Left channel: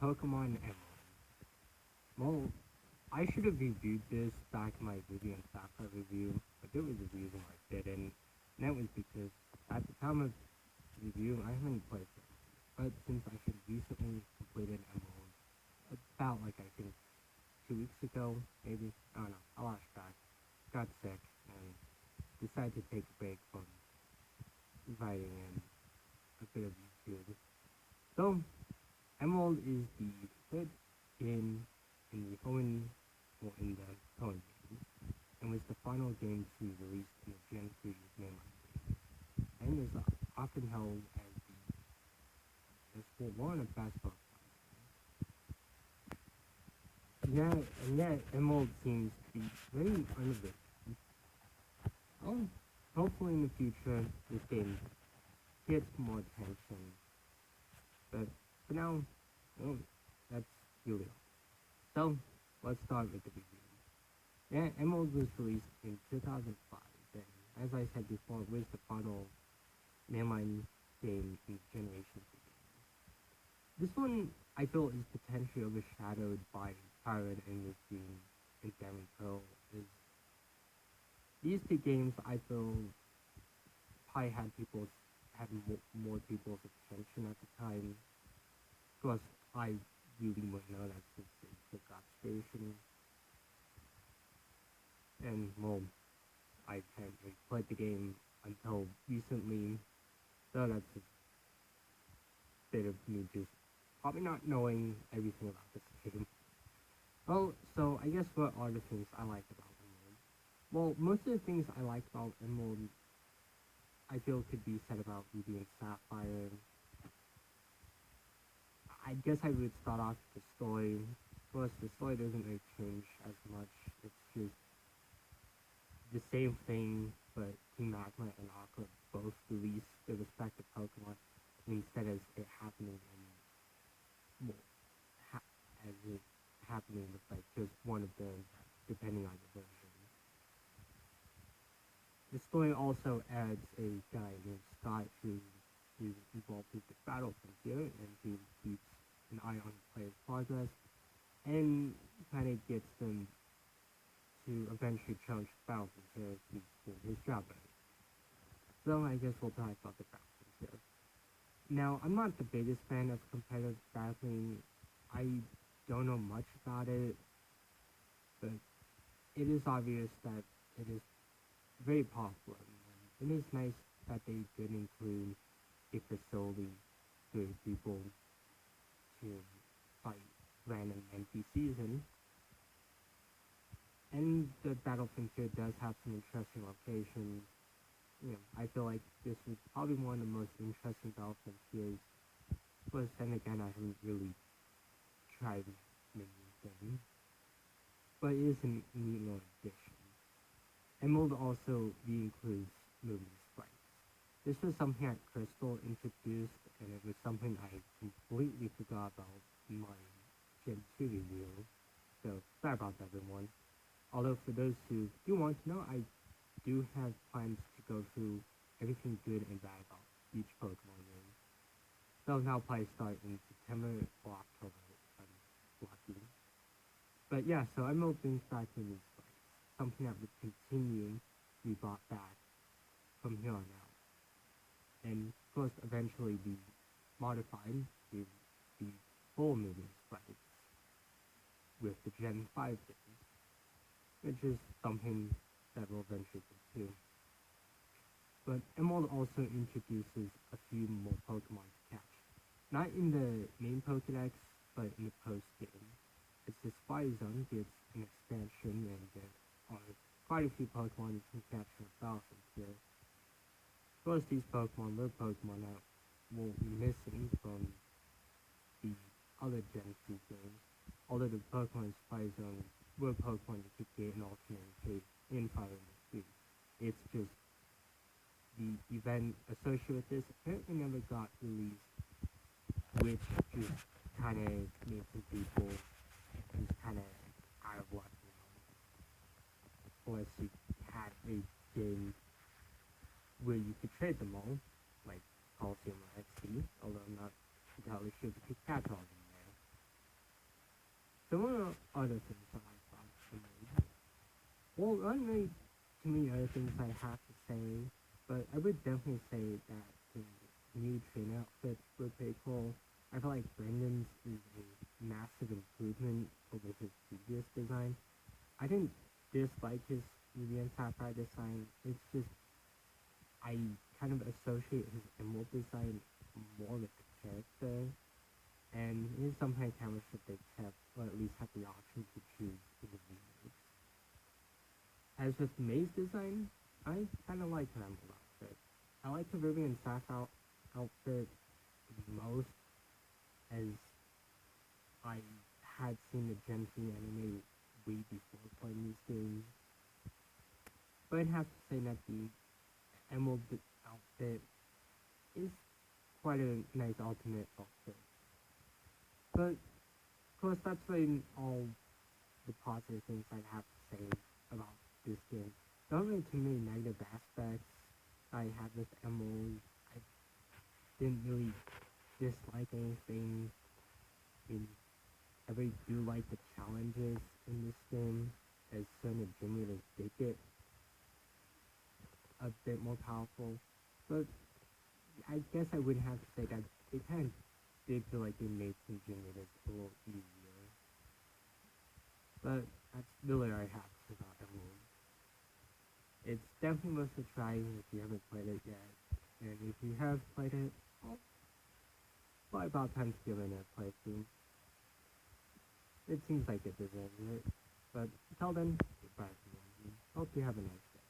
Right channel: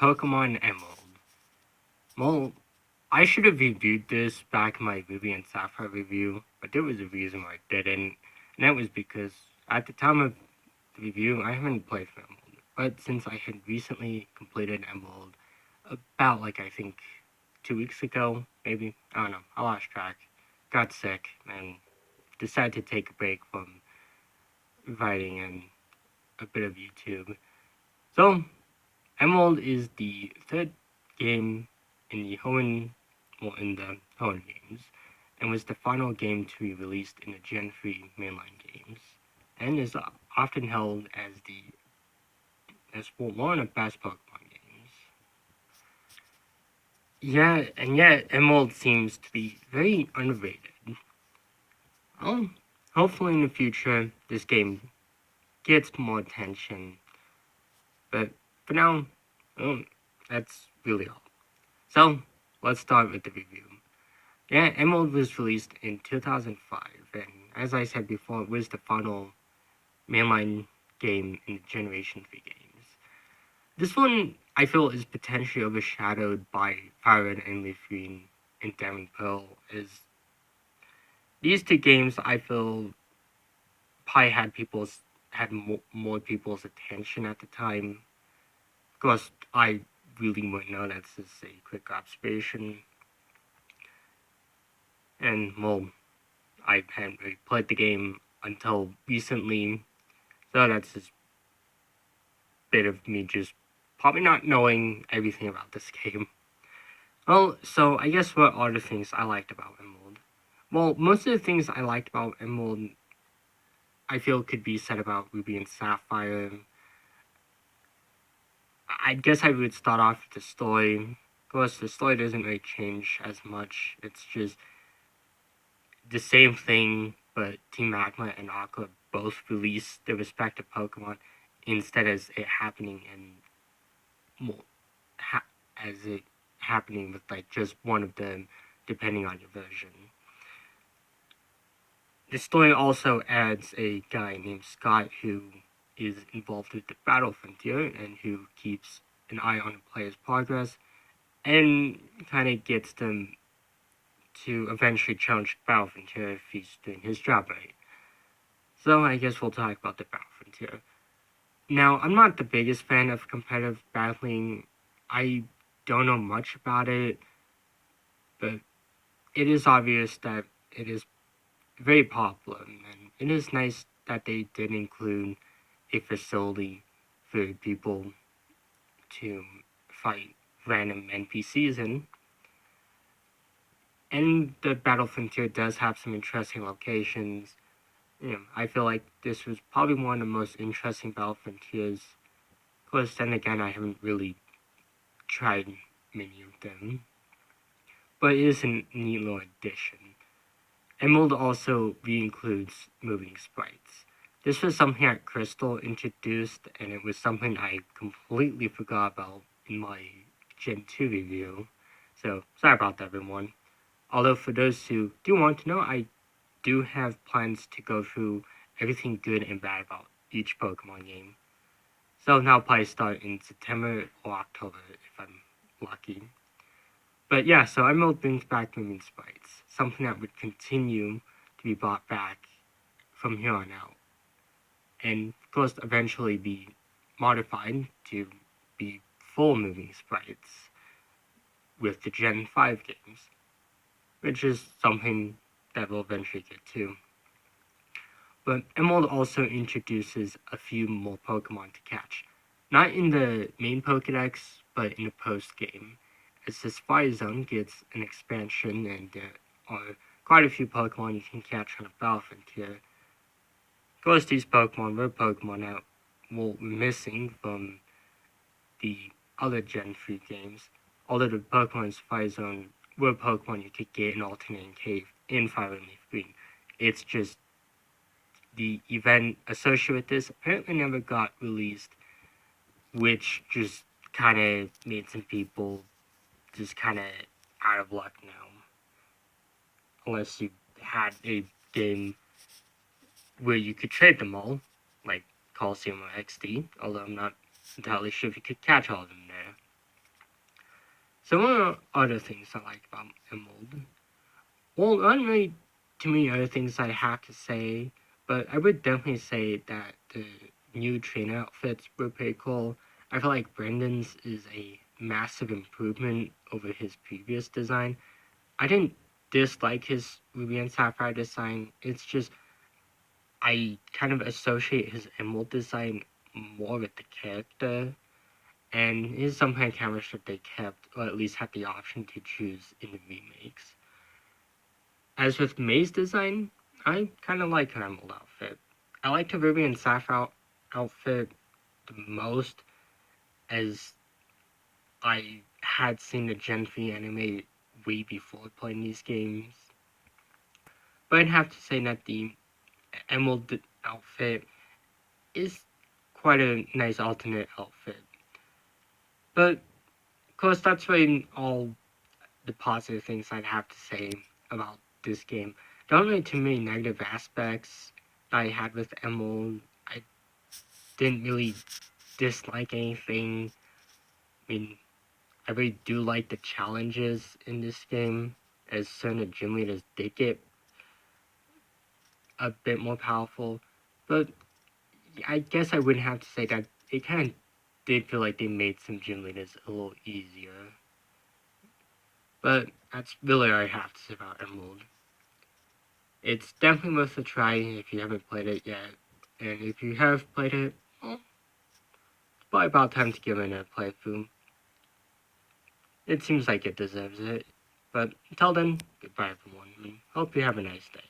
Pokemon Emerald. Well, I should have reviewed this back in my Ruby and Sapphire review, but there was a reason why I didn't, and that was because at the time of the review, I haven't played for Emerald. But since I had recently completed Emerald, about I think 2 weeks ago, maybe, I don't know, I lost track, got sick, and decided to take a break from writing and a bit of YouTube. So, Emerald is the third game in in the Hoenn games, and was the final game to be released in the Gen 3 mainline games, and is often held as one of the best Pokemon games. Yeah, and yet Emerald seems to be very underrated. Um, Hopefully in the future this game gets more attention, but for now, um, that's really all. So, let's start with the review. Yeah, Emerald was released in 2005, and as I said before, it was the final mainline game in the Generation 3 games. This one, I feel, is potentially overshadowed by Fire Red and Leaf Green and Diamond Pearl, as these two games, I feel, probably had more people's attention at the time. Of course, I really wouldn't know, that's just a quick observation. And, well, I hadn't really played the game until recently, so that's just a bit of me just probably not knowing everything about this game. Well, so I guess what are the things I liked about Emerald? Well, most of the things I liked about Emerald, I feel could be said about Ruby and Sapphire. I guess I would start off with the story. Of course, the story doesn't really change as much. It's just the same thing, but Team Magma and Aqua both release their respective Pokemon instead as it happening more as it happening with just one of them, depending on your version. The story also adds a guy named Scott who is involved with the Battle Frontier and who keeps an eye on the player's progress and kind of gets them to eventually challenge the Battle Frontier if he's doing his job right. So I guess we'll talk about the Battle Frontier. Now, I'm not the biggest fan of competitive battling. I don't know much about it, but it is obvious that it is very popular, and it is nice that they did include a facility for people to fight random NPCs in. And the Battle Frontier does have some interesting locations. I feel like this was probably one of the most interesting Battle Frontiers. Of course, then again, I haven't really tried many of them, but it is a neat little addition. Emerald also re-includes moving sprites. This was something that Crystal introduced, and it was something I completely forgot about in my Gen 2 review. So, sorry about that, everyone. Although, for those who do want to know, I do have plans to go through everything good and bad about each Pokemon game. So, now I'll probably start in September or October if I'm lucky. But yeah, so Emerald brings back moving sprites, something that would continue to be brought back from here on out, and of course eventually be modified to be full moving sprites with the Gen 5 games, which is something that we'll eventually get to. But Emerald also introduces a few more Pokemon to catch, not in the main Pokedex, but in the post game, as the Spy Zone gets an expansion and there are quite a few Pokemon you can catch on the Battle Frontier. Of course, these Pokemon were Pokemon that were missing from the other Gen 3 games, although the Pokemon in Spy Zone were Pokemon you could get in Alternating Cave in Fire and Leaf Green. It's just the event associated with this apparently never got released, which just kind of made some people just kind of out of luck now. Unless you had a game where you could trade them all, like Coliseum or XD, although I'm not entirely sure if you could catch all of them there. So one of the other things I like about Emerald, well, not really too many other things I have to say, but I would definitely say that the new trainer outfits were pretty cool. I feel like Brendan's is a massive improvement over his previous design. I didn't dislike his Ruby and Sapphire design. It's just I kind of associate his Emerald design more with the character, and his some kind of camera strip they kept, or at least had the option to choose in the remakes. As with May's design, I kind of like her Emerald outfit. I liked her Ruby and Sapphire outfit the most, as I had seen the Gen 3 anime way before playing these games. But I'd have to say that the Emerald outfit is quite a nice alternate outfit. But of course, that's really all the positive things I'd have to say about this game. There aren't really too many negative aspects that I had with Emerald. I didn't really dislike anything. I mean, I really do like the challenges in this game, as certain gym leaders did get a bit more powerful. But I guess I wouldn't have to say that it kind of did feel like they made some gym leaders a little easier. But that's really all I have to say about Emerald. It's definitely worth a try if you haven't played it yet. And if you have played it, well, it's probably about time to give it a playthrough. It seems like it deserves it. But until then, goodbye everyone. Hope you have a nice day.